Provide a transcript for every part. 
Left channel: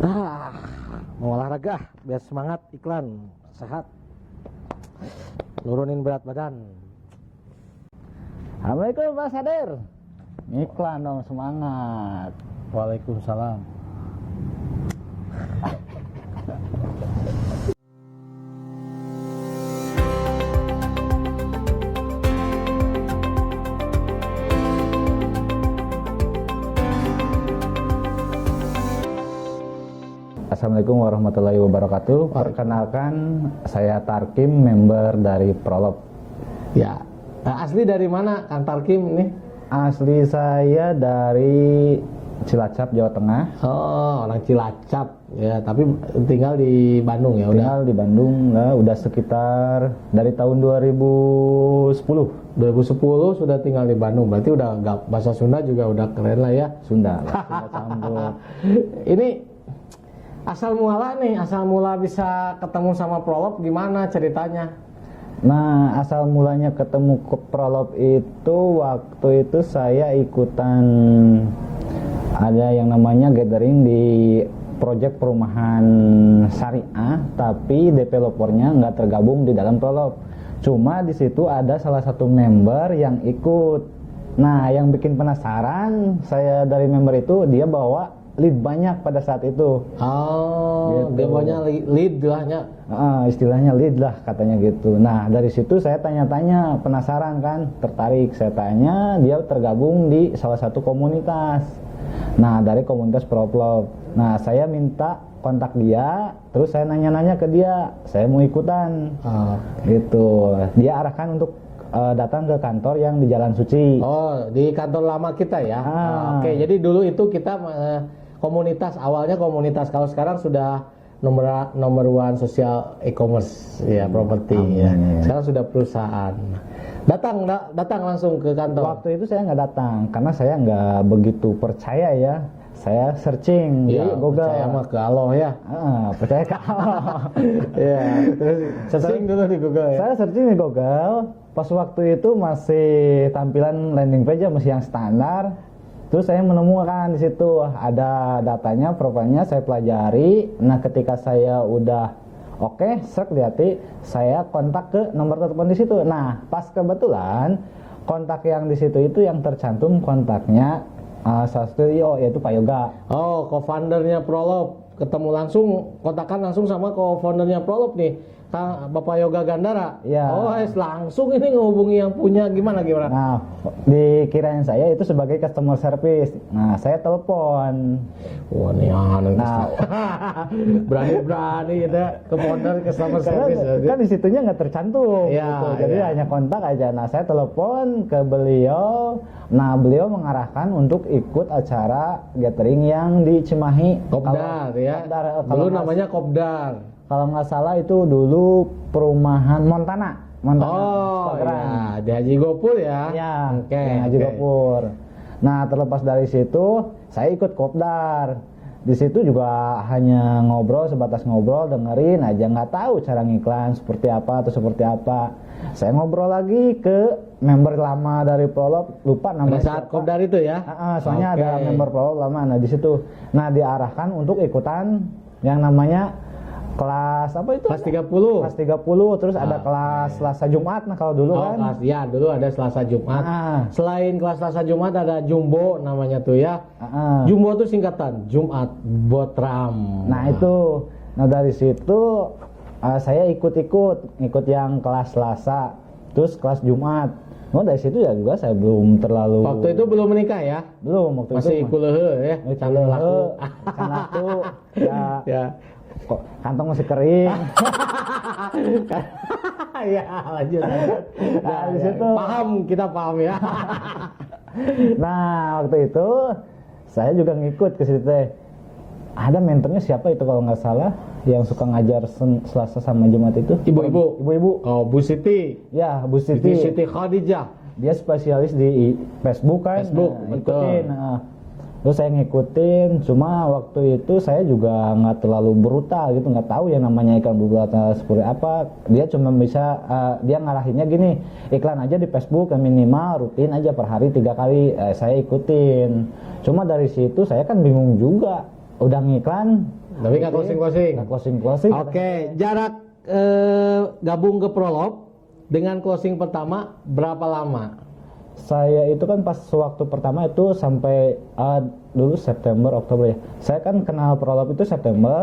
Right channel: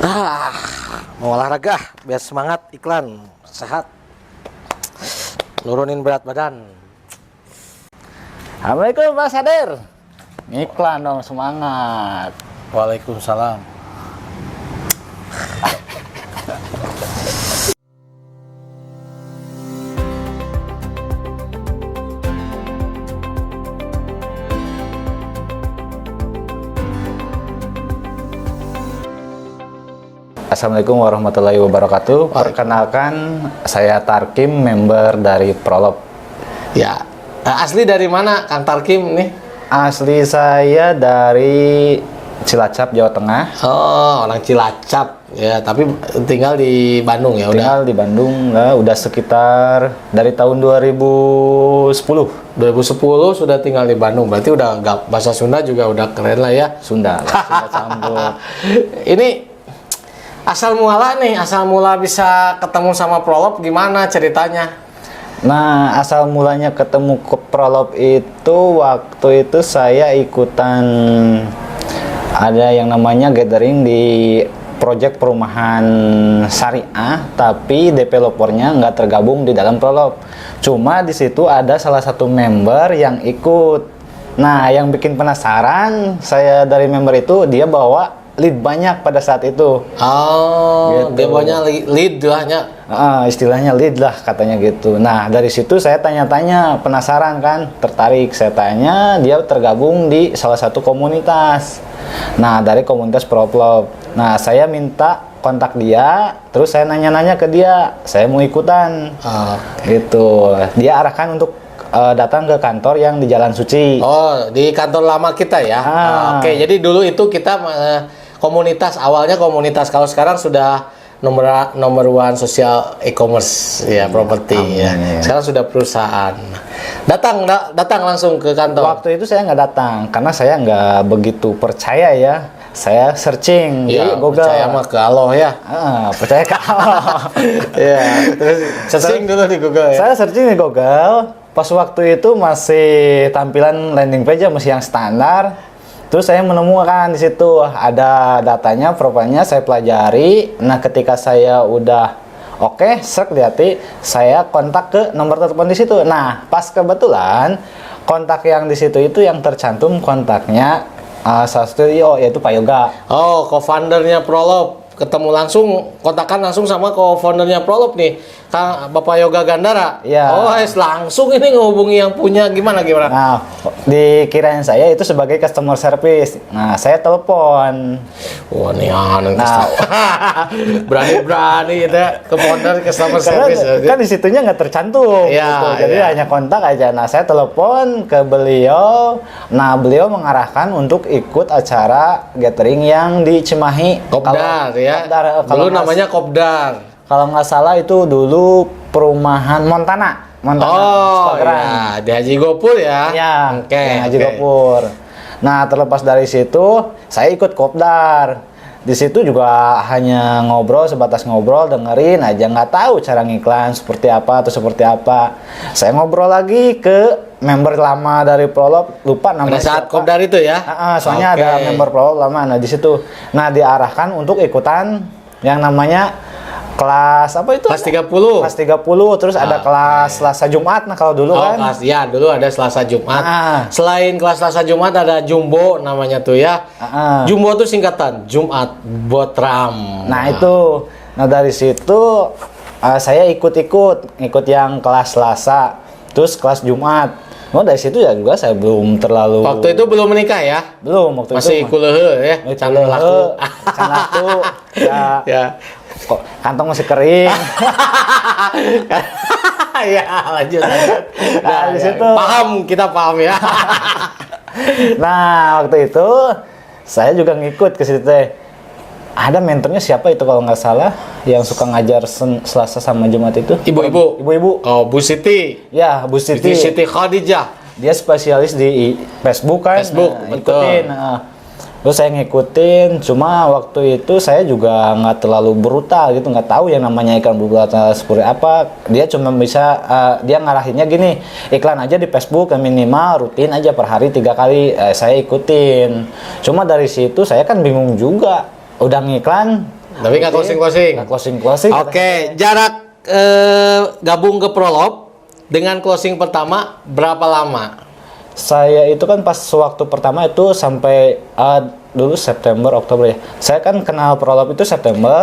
Ah, mau olahraga biar semangat, iklan sehat, nurunin berat badan. Assalamualaikum Pak Sadir. Iklan dong, semangat. Waalaikumsalam. Assalamualaikum warahmatullahi wabarakatuh. Perkenalkan, saya Tarkim, member dari Prolop. Ya, asli dari mana Kang Tarkim nih? Asli saya dari Cilacap, Jawa Tengah. Oh, orang Cilacap ya, tapi tinggal di Bandung ya udah. Tinggal di Bandung lah, udah sekitar dari tahun 2010. 2010 sudah tinggal di Bandung, berarti udah nggak bahasa Sunda juga udah keren lah ya. Sunda lah, Sunda campur. Ini asal mula bisa ketemu sama Prolop gimana ceritanya? Nah, asal mulanya ketemu ke Prolop itu waktu itu saya ikutan ada yang namanya gathering di proyek perumahan syariah, tapi developernya nggak tergabung di dalam Prolop. Cuma di situ ada salah satu member yang ikut. Nah, yang bikin penasaran saya dari member itu, dia bawa lead banyak pada saat itu. Oh, gitu. dia bawanya lead lahnya. Istilahnya lead lah katanya gitu. Nah, dari situ saya tanya-tanya, penasaran kan, tertarik. Saya tanya, dia tergabung di salah satu komunitas. Nah, dari komunitas Prolop. Nah, saya minta kontak dia, terus saya nanya-nanya ke dia, saya mau ikutan. Gitu. Dia arahkan untuk datang ke kantor yang di Jalan Suci. Oh, di kantor lama kita ya. Oke, jadi dulu itu kita komunitas, awalnya komunitas. Kalau sekarang sudah nomor one sosial e-commerce ya, properti ya. Sekarang sudah perusahaan. Datang langsung ke kantor. Waktu itu saya nggak datang karena saya nggak begitu percaya ya. Saya searching di Google. Percaya mah ke Allah ya. Percaya ke Allah. Ya, terus searching dulu di Google ya. Saya searching di Google. Pas waktu itu masih tampilan landing page masih yang standar. Terus saya menemukan di situ ada datanya, profilnya, saya pelajari. Nah, ketika saya udah oke, lihat, saya kontak ke nomor telepon di situ. Nah, pas kebetulan kontak yang di situ itu yang tercantum kontaknya salah satu yaitu Pak Yoga. Oh, co-foundernya Prolop. Ketemu langsung, kontakkan langsung sama co-foundernya Prolop nih, Kang Bapak Yoga Gandara. Ya. Oh, langsung ini ngehubungi yang punya gimana? Nah, dikirain saya itu sebagai customer service. Nah, saya telepon. Wah, nih berani-berani gitu ya, ke founder customer service. Kan di situnya nggak tercantum. Ya, gitu. Jadi hanya kontak aja. Nah, saya telepon ke beliau. Nah, beliau mengarahkan untuk ikut acara gathering yang di Cimahi. Kopdar ya. Dulu namanya Kopdar. Kalau nggak salah itu dulu perumahan Montana. Oh, ya, di Haji Gopur ya. Iya, Oke. Haji Gopur. Nah, terlepas dari situ, saya ikut Kopdar. Di situ juga hanya ngobrol, sebatas ngobrol, dengerin aja, nggak tahu cara ngiklan seperti apa atau seperti apa. Saya ngobrol lagi ke member lama dari Prolop, lupa namanya. Pada saat Kopdar itu ya. Soalnya ada member Prolop lama, nah di situ. Nah, diarahkan untuk ikutan yang namanya kelas apa itu? Kelas 30. Kelas 30, terus ada kelas Selasa Jumat. Nah, kalau dulu kan. Kelas, ya, dulu ada Selasa Jumat. Selain kelas Selasa Jumat ada Jumbo namanya tuh ya. Jumbo tuh singkatan Jumat Botram. Nah, itu. Nah, dari situ saya ikut yang kelas Selasa, terus kelas Jumat. Oh, dari situ ya juga saya belum terlalu. Waktu itu belum menikah ya? Belum, waktu masih itu. Masih kulehe ya? Can laku. Ya. Kok kantong masih kering. Ya, lanjut. Nah, di situ. Kita paham ya. Nah, waktu itu saya juga ngikut ke situ. Ada mentornya siapa itu kalau nggak salah yang suka ngajar Selasa sama Jumat itu? Ibu-ibu. Oh, Bu Siti. Ya, Bu Siti. Siti Khadijah. Dia spesialis di Facebook kan. Facebook, betul. Ikutin. Terus saya ngikutin, cuma waktu itu saya juga nggak terlalu brutal gitu, nggak tahu yang namanya iklan brutal seperti apa. Dia cuma bisa, dia ngarahinnya gini, iklan aja di Facebook yang minimal rutin aja per hari 3 kali. Saya ikutin. Cuma dari situ saya kan bingung juga. Udah ngiklan, Tapi nggak closing. nggak closing. Oke, jarak gabung ke Prolog dengan closing pertama berapa lama? Saya itu kan pas waktu pertama itu sampai dulu September, Oktober ya. Saya kan kenal Prolog itu September.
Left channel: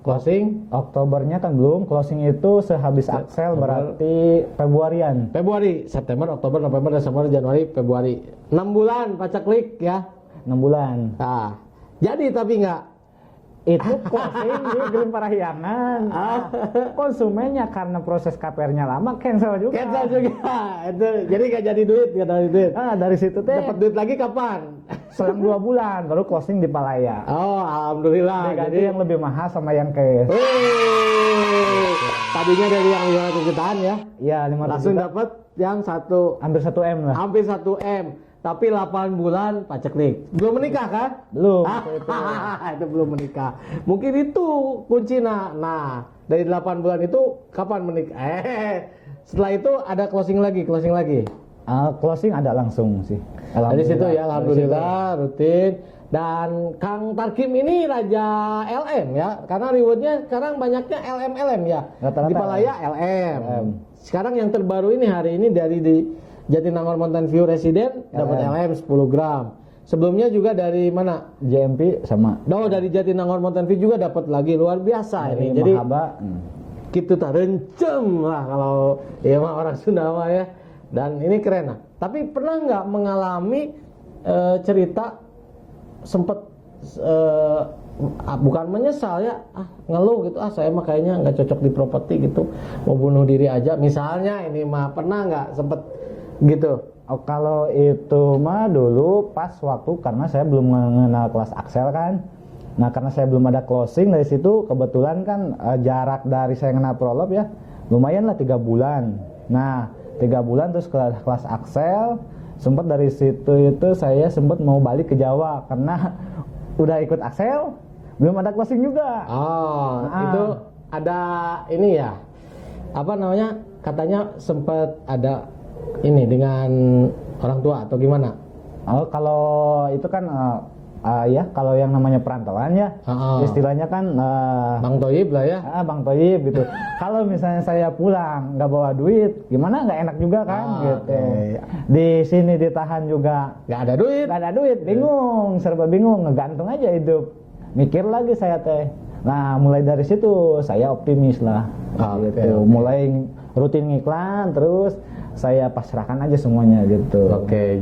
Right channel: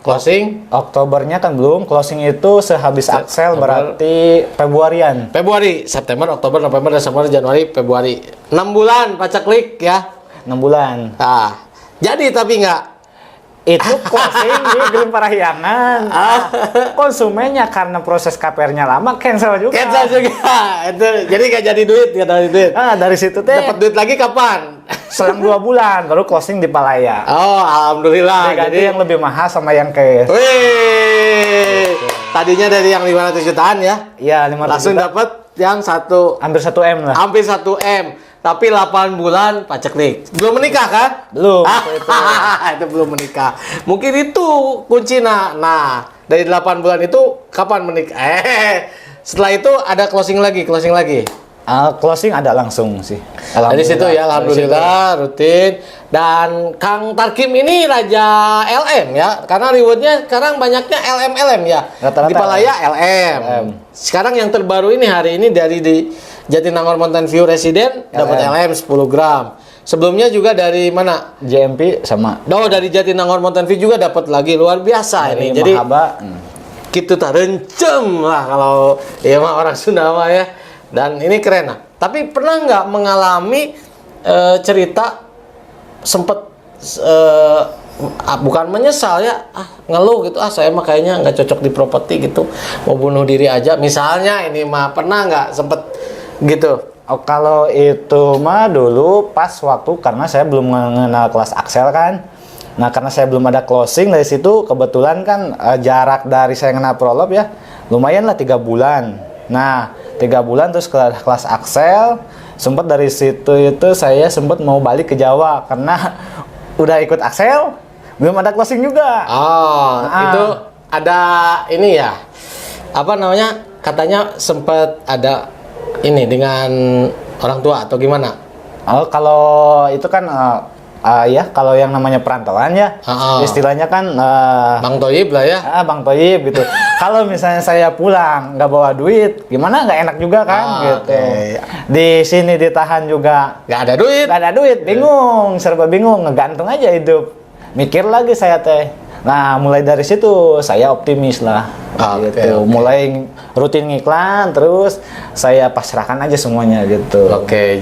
Closing Oktobernya kan belum, closing itu sehabis Axel berarti Februarian. Februari, September, Oktober, November, Desember, Januari, Februari. 6 bulan pacaklik ya. 6 bulan. Nah, jadi tapi nggak. Itu closing di Gelim Parahyangan. Konsumennya karena proses KPR-nya lama cancel juga. Itu jadi nggak jadi duit, nggak jadi duit. Dari situ teh Dapat duit lagi kapan? selang 2 bulan baru closing di Palaya. Oh, alhamdulillah. Jadi yang lebih mahal sama yang cash. Wih, tadinya dari yang 500 jutaan ya. Iya, 500 Langsung juta. dapat yang Hampir 1 M lah. hampir 1 M. Tapi 8 bulan paceklik. Belum menikah kan? Belum. Itu belum menikah. Mungkin itu kuncinya. Nah, dari 8 bulan itu kapan menikah? Setelah itu ada closing lagi. Closing ada langsung sih. Dari situ ya, alhamdulillah rutin. Dan Kang Tarkim ini raja LM ya, karena rewardnya sekarang banyaknya LM ya. Rata-rata Di Palaya LM. Sekarang yang terbaru ini hari ini dari di Jatinangor Mountain View Resident dapat LM 10 gram. Sebelumnya juga dari mana? JMP sama. Dari Jatinangor Mountain View juga dapat lagi, luar biasa ini. Jadi Mahaba. gitu tak rencem lah kalau ya mah orang Sunda mah ya. Dan ini keren. Tapi pernah nggak mengalami cerita sempet bukan menyesal ya, ngeluh gitu, saya mah kayaknya nggak cocok di properti gitu, mau bunuh diri aja misalnya, ini mah pernah nggak sempet gitu? Kalau itu mah dulu pas waktu karena saya belum mengenal kelas Axel kan. Nah, karena saya belum ada closing dari situ, kebetulan kan jarak dari saya kenal Prolog ya lumayan lah 3 bulan. Nah, 3 bulan terus ke kelas Axel, sempat dari situ itu saya sempat mau balik ke Jawa karena udah ikut Axel, belum ada closing juga. Itu ada ini ya, apa namanya, katanya sempat ada ini dengan orang tua atau gimana? Kalau itu kan ya kalau yang namanya perantauan ya, istilahnya kan Bang Toyib lah ya. Bang Toyib gitu. Kalau misalnya saya pulang nggak bawa duit, gimana, nggak enak juga kan gitu. Di sini ditahan juga Nggak ada duit, bingung, serba bingung, ngegantung aja hidup. Mikir lagi saya teh. Nah, mulai dari situ saya optimis lah. Gitu. Mulai rutin ngiklan, terus saya pasrahkan aja semuanya gitu.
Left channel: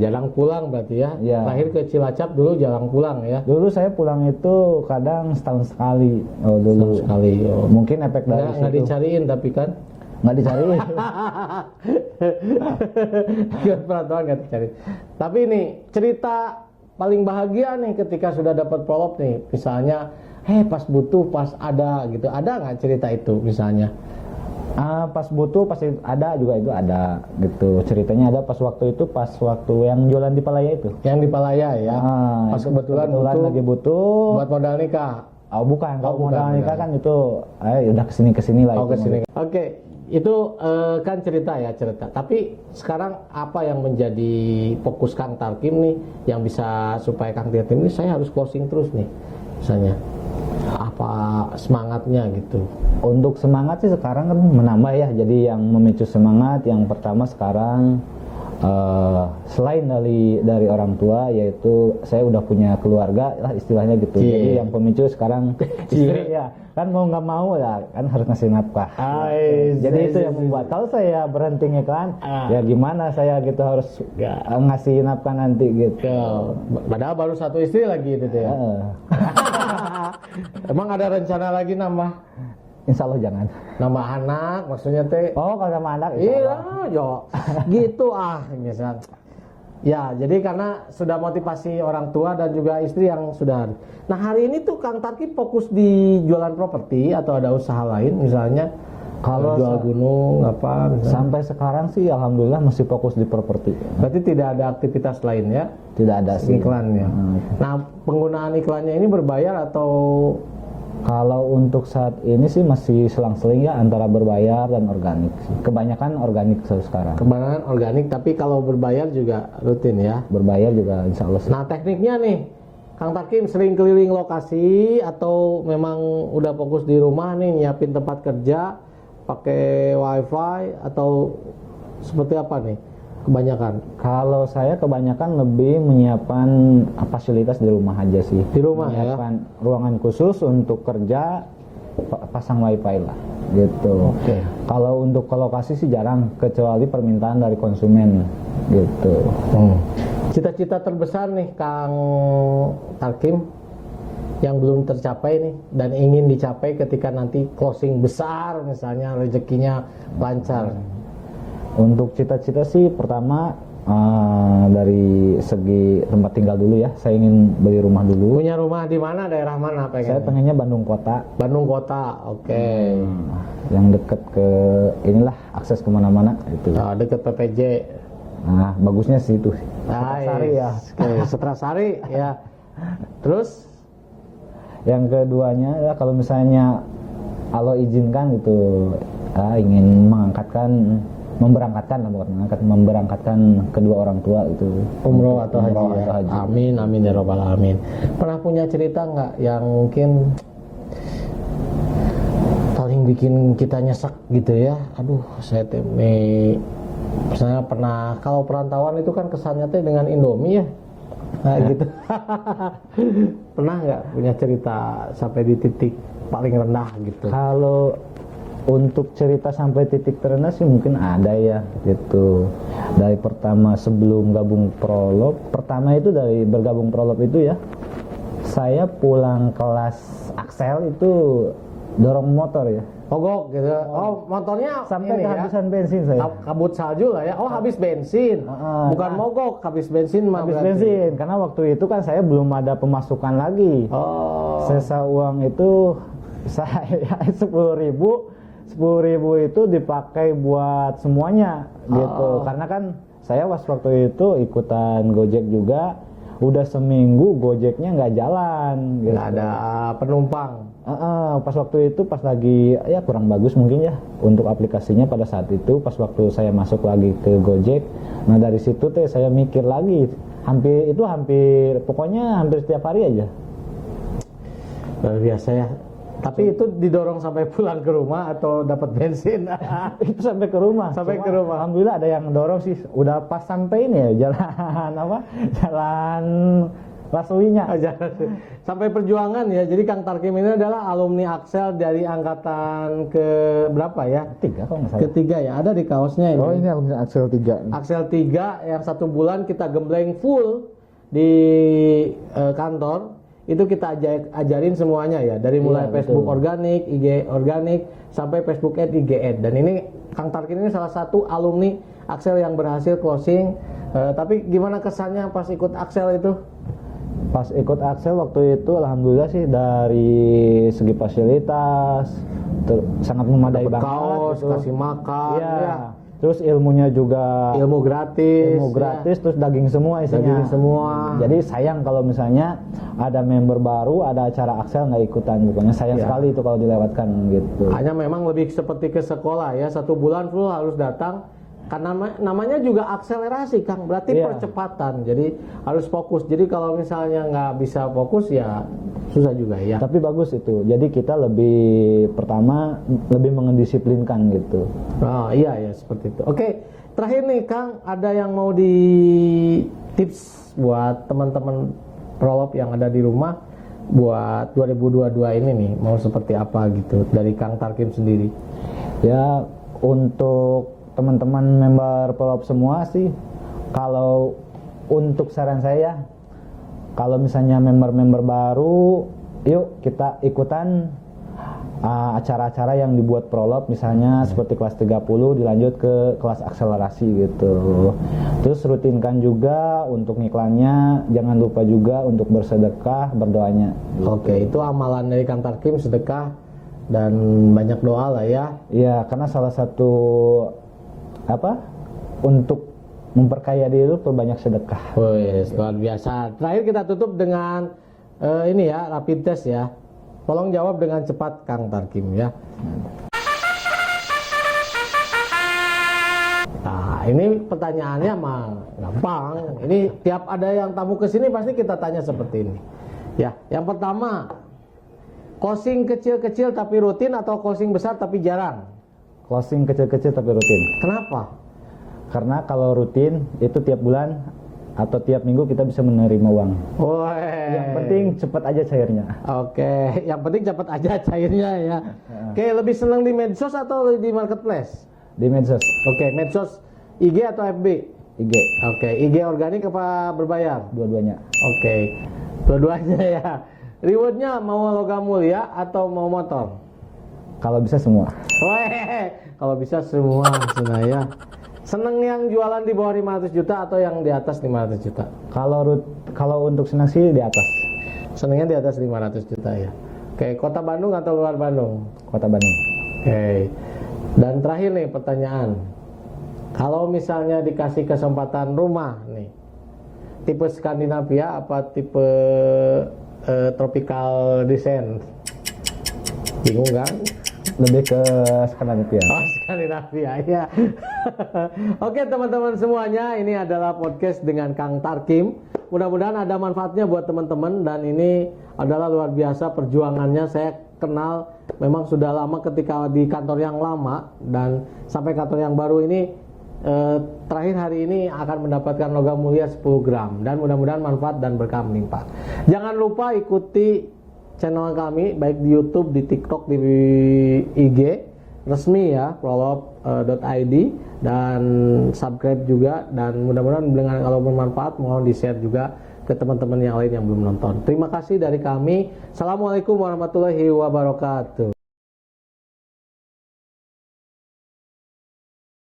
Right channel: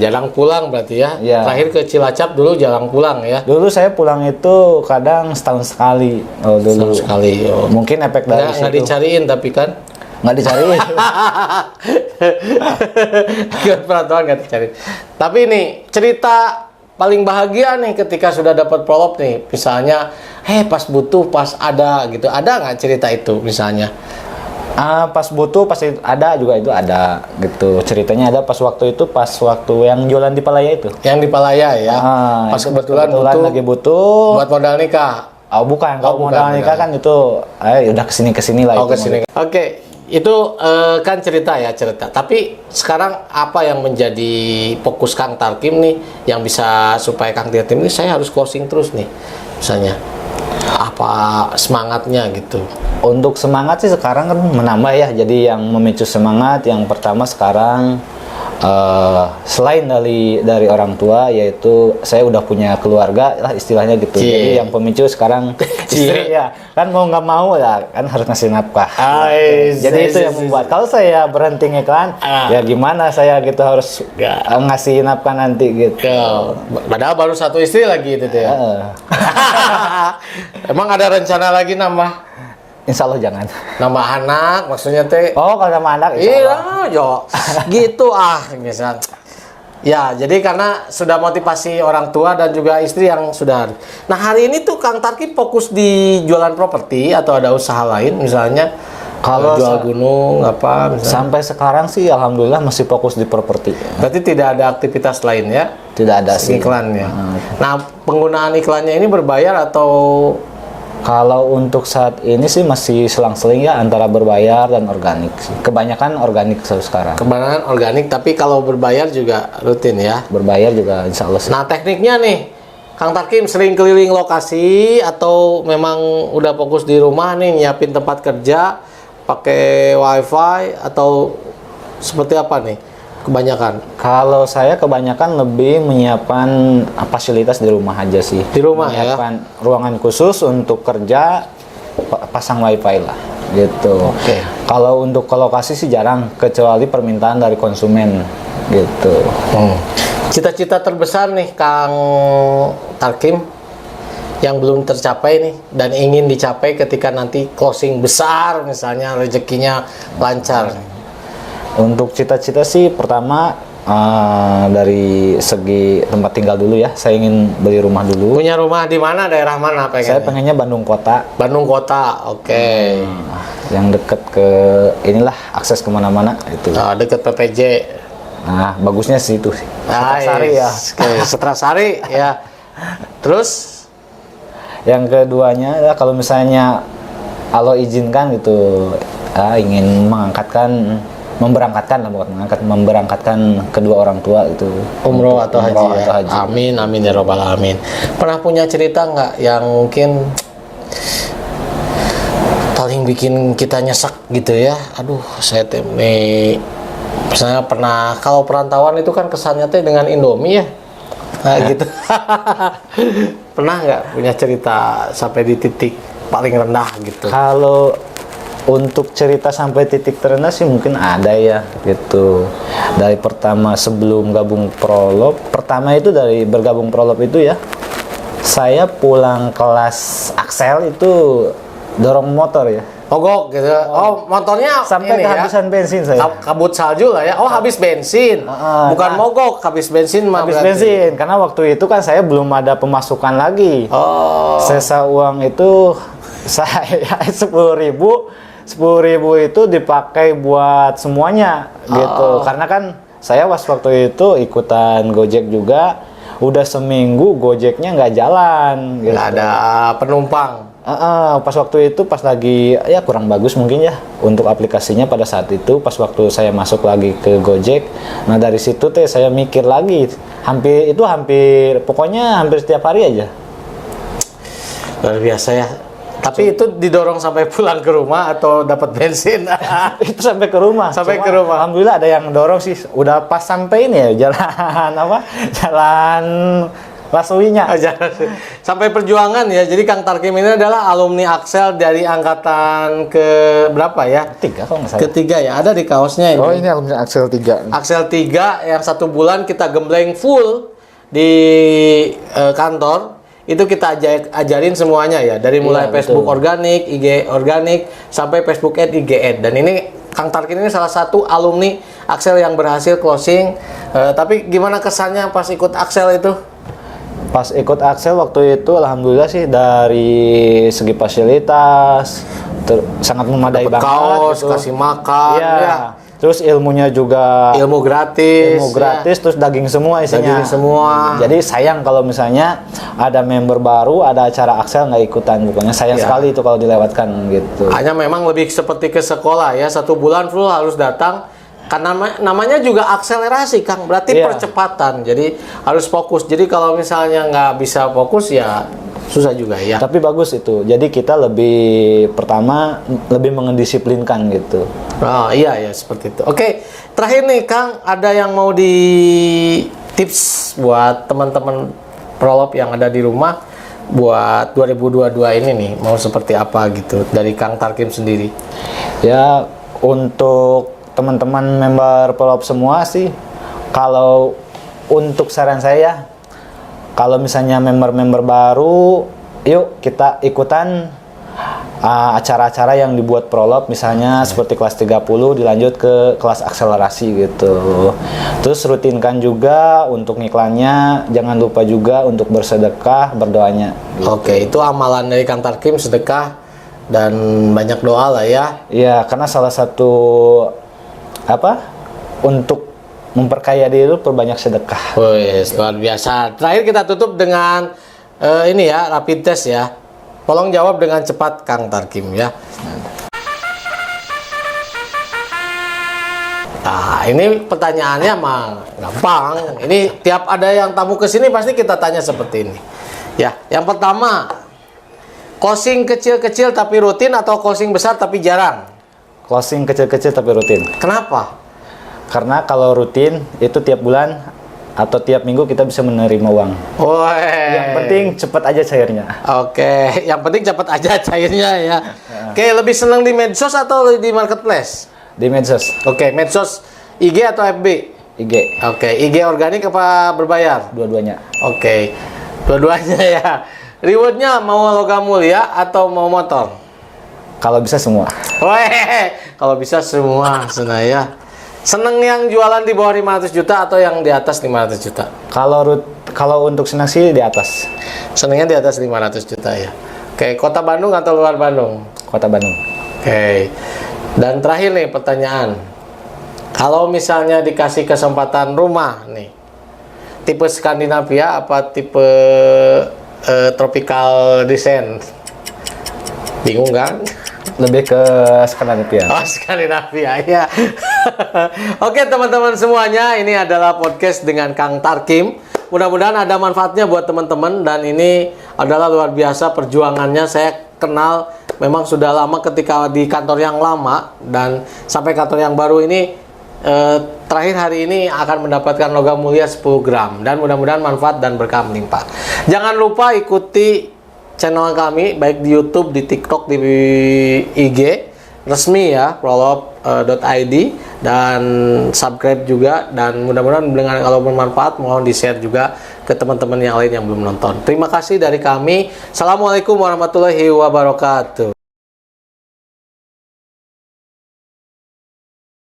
Jarang pulang berarti ya. Terakhir ke Cilacap dulu jarang pulang ya. Dulu saya pulang itu kadang setahun sekali. Setahun sekali. Mungkin efek dari situ. Nggak dicariin tapi kan? Nggak dicariin. Peraturan nggak dicariin. Tapi ini cerita paling bahagia nih ketika sudah dapat Prolog nih, misalnya pas butuh, pas ada gitu, ada nggak cerita itu misalnya? Pas butuh, pasti ada juga, itu ada gitu. Ceritanya ada pas waktu yang jualan di Palaya itu. Yang di Palaya ya. Pas kebetulan lagi butuh buat modal nikah. Bukan, kalau modal nikah kan itu udah kesini lah. Kesini. Itu kan cerita. Tapi sekarang apa yang menjadi fokus Kang Tarkim nih, yang bisa supaya Kang Tarkim ini saya harus closing terus nih, misalnya apa semangatnya gitu? Untuk semangat sih sekarang kan menambah ya. Jadi yang memicu semangat yang pertama sekarang selain dari orang tua, yaitu saya udah punya keluarga lah istilahnya gitu. Jadi yang pemicu sekarang istri ya kan, mau nggak mau ya kan harus ngasih nafkah. Jadi itu yang membuat kalau saya berhenti ngiklan ya gimana saya gitu harus ngasih nafkah nanti gitu. Padahal baru 1 istri lagi itu ya. Emang ada rencana lagi nambah? Insya Allah jangan. Nambah anak maksudnya teh? Kalau sama anak iya, gitu misal. Ya, jadi karena sudah motivasi orang tua dan juga istri yang sudah. Nah, hari ini tuh Kang Tarkim fokus di jualan properti atau ada usaha lain misalnya? Kalau jual gunung apa misalnya? Sampai sekarang sih alhamdulillah masih fokus di properti. Berarti tidak ada aktivitas lain ya? Tidak ada sih. Iklannya. Nah, penggunaan iklannya ini berbayar atau? Kalau untuk saat ini sih masih selang-seling ya antara berbayar dan organik sih. Kebanyakan organik sekarang. Kebanyakan organik, tapi kalau berbayar juga rutin ya? Berbayar juga insya Allah sih. Nah, tekniknya nih, Kang Tarkim sering keliling lokasi atau memang udah fokus di rumah nih nyiapin tempat kerja pakai wifi atau seperti apa nih kebanyakan? Kalau saya kebanyakan lebih menyiapkan fasilitas di rumah aja sih. Di rumah ya? Menyiapkan ruangan khusus untuk kerja, pasang wifi lah gitu. Oke. Kalau untuk ke lokasi sih jarang, kecuali permintaan dari konsumen gitu. Cita-cita terbesar nih Kang Tarkim yang belum tercapai nih dan ingin dicapai ketika nanti closing besar misalnya rezekinya lancar. Untuk cita-cita sih pertama dari segi tempat tinggal dulu ya. Saya ingin beli rumah dulu. Punya rumah di mana, daerah mana pengen? Saya pengennya Bandung Kota. Bandung Kota, oke. Yang deket ke inilah akses kemana-mana itu. Deket PPJ. Nah, bagusnya sih itu. Setrasari ya. Setrasari ya. Terus yang keduanya adalah kalau misalnya Allah izinkan gitu, ingin memberangkatkan kedua orang tua itu umroh atau haji, umroh ya? atau haji. Amin amin ya robbal alamin. Pernah punya cerita nggak yang mungkin paling bikin kita nyesek gitu ya? Aduh, saya nih misalnya pernah, kalau perantauan itu kan kesannya teh dengan Indomie ya, nah, gitu. Pernah nggak punya cerita sampai di titik paling rendah gitu? Kalau untuk cerita sampai titik terendah sih mungkin ada ya gitu. Dari pertama sebelum gabung Prolop, pertama itu dari bergabung Prolop itu ya, saya pulang kelas Axel itu dorong motor ya. Mogok gitu. Oh, motornya Sampai ini kehabisan bensin saya. Kabut salju lah ya. Oh, habis bensin. Bukan mogok, habis bensin mah Habis berarti. bensin, karena waktu itu kan saya belum ada pemasukan lagi. Oh. Sisa uang itu saya 10.000 itu dipakai buat semuanya gitu. Karena kan saya waktu itu ikutan Gojek juga, udah seminggu Gojeknya nggak jalan gitu. Nggak ada penumpang. Pas waktu itu pas lagi ya kurang bagus mungkin ya untuk aplikasinya pada saat itu, pas waktu saya masuk lagi ke Gojek. Nah dari situ teh saya mikir lagi, hampir pokoknya hampir setiap hari aja. Luar biasa ya. Tapi itu didorong sampai pulang ke rumah atau dapat bensin? Itu sampai ke rumah. Sampai Cuma, ke rumah. Alhamdulillah ada yang dorong sih. Udah pas sampai ini ya jalan apa? Jalan Lasuinya. Sampai perjuangan ya. Jadi Kang Tarkim ini adalah alumni Axel dari angkatan ke berapa ya? 3 kalau nggak salah. Ketiga ya. Ada di kaosnya ini. Oh ini alumni Axel 3. Axel 3 yang 1 bulan kita gembleng full di kantor. Itu kita ajarin semuanya ya, dari mulai Facebook organik, IG organik, sampai Facebook Ad, IG Ad. Dan ini Kang Tarkim ini salah satu alumni Axel yang berhasil closing. Tapi gimana kesannya pas ikut Axel itu? Pas ikut Axel waktu itu alhamdulillah sih dari segi fasilitas sangat memadai banget. Kaos, gitu. kasih makan, ya. Terus ilmunya juga Ilmu gratis, terus daging semua isinya. Daging semua. Jadi sayang kalau misalnya ada member baru, ada acara Axel nggak ikutan, pokoknya sayang sekali itu kalau dilewatkan gitu. Hanya memang lebih seperti ke sekolah ya, 1 bulan full harus datang. Karena namanya juga akselerasi Kang, berarti percepatan. Jadi harus fokus. Jadi kalau misalnya nggak bisa fokus ya susah juga ya. Tapi bagus itu. Jadi kita lebih mengedisiplinkan gitu. Oh iya ya seperti itu. Oke, terakhir nih Kang, ada yang mau di tips buat teman-teman Prolop yang ada di rumah buat 2022 ini nih, mau seperti apa gitu dari Kang Tarkim sendiri? Ya untuk teman-teman member Prolop semua sih, kalau untuk saran saya, kalau misalnya member-member baru, yuk kita ikutan acara-acara yang dibuat Prolop, misalnya seperti kelas 30 dilanjut ke kelas akselerasi gitu. Terus rutinkan juga untuk ngiklannya, jangan lupa juga untuk bersedekah, berdoanya gitu. Oke, itu amalan dari Kang Tarkim, sedekah dan banyak doa lah ya. Iya, karena salah satu untuk memperkaya diri itu perbanyak sedekah. Wes, luar biasa. Terakhir kita tutup dengan ini ya, rapid test ya. Tolong jawab dengan cepat Kang Tarkim ya. Nah, ini pertanyaannya mah gampang. Ini tiap ada yang tamu ke sini pasti kita tanya seperti ini. Ya, yang pertama, closing kecil-kecil tapi rutin atau closing besar tapi jarang? Closing kecil-kecil tapi rutin. Kenapa? Karena kalau rutin itu tiap bulan atau tiap minggu kita bisa menerima uang. Yang penting cepat aja cairnya. Oke, yang penting cepat aja cairnya ya. Oke, lebih senang di medsos atau di marketplace? Di medsos. Oke, medsos IG atau FB? IG. Oke, IG organik apa berbayar? Dua-duanya. Oke, dua-duanya ya. Rewardnya mau logam mulia atau mau motor? Kalau bisa semua. Weh, kalau bisa semua, Senaya. Seneng yang jualan di bawah 500 juta atau yang di atas 500 juta? Kalau untuk senang sih di atas. Senengnya di atas 500 juta ya. Oke, kota Bandung atau luar Bandung? Kota Bandung. Oke. Dan terakhir nih pertanyaan. Kalau misalnya dikasih kesempatan rumah nih, tipe Skandinavia apa tipe tropical design? Bingung kan? Lebih ke Skandinavia. Oh, Skandinavia ya. Oke teman-teman semuanya, ini adalah podcast dengan Kang Tarkim. Mudah-mudahan ada manfaatnya buat teman-teman, dan ini adalah luar biasa perjuangannya. Saya kenal memang sudah lama ketika di kantor yang lama dan sampai kantor yang baru ini. Terakhir hari ini akan mendapatkan logam mulia 10 gram, dan mudah-mudahan manfaat dan berkah melimpah. Jangan lupa ikuti channel kami baik di YouTube, di TikTok, di IG resmi ya, prolop.id, dan subscribe juga, dan mudah-mudahan dengan kalau bermanfaat mohon di-share juga ke teman-teman yang lain yang belum nonton. Terima kasih dari kami. Assalamualaikum warahmatullahi wabarakatuh.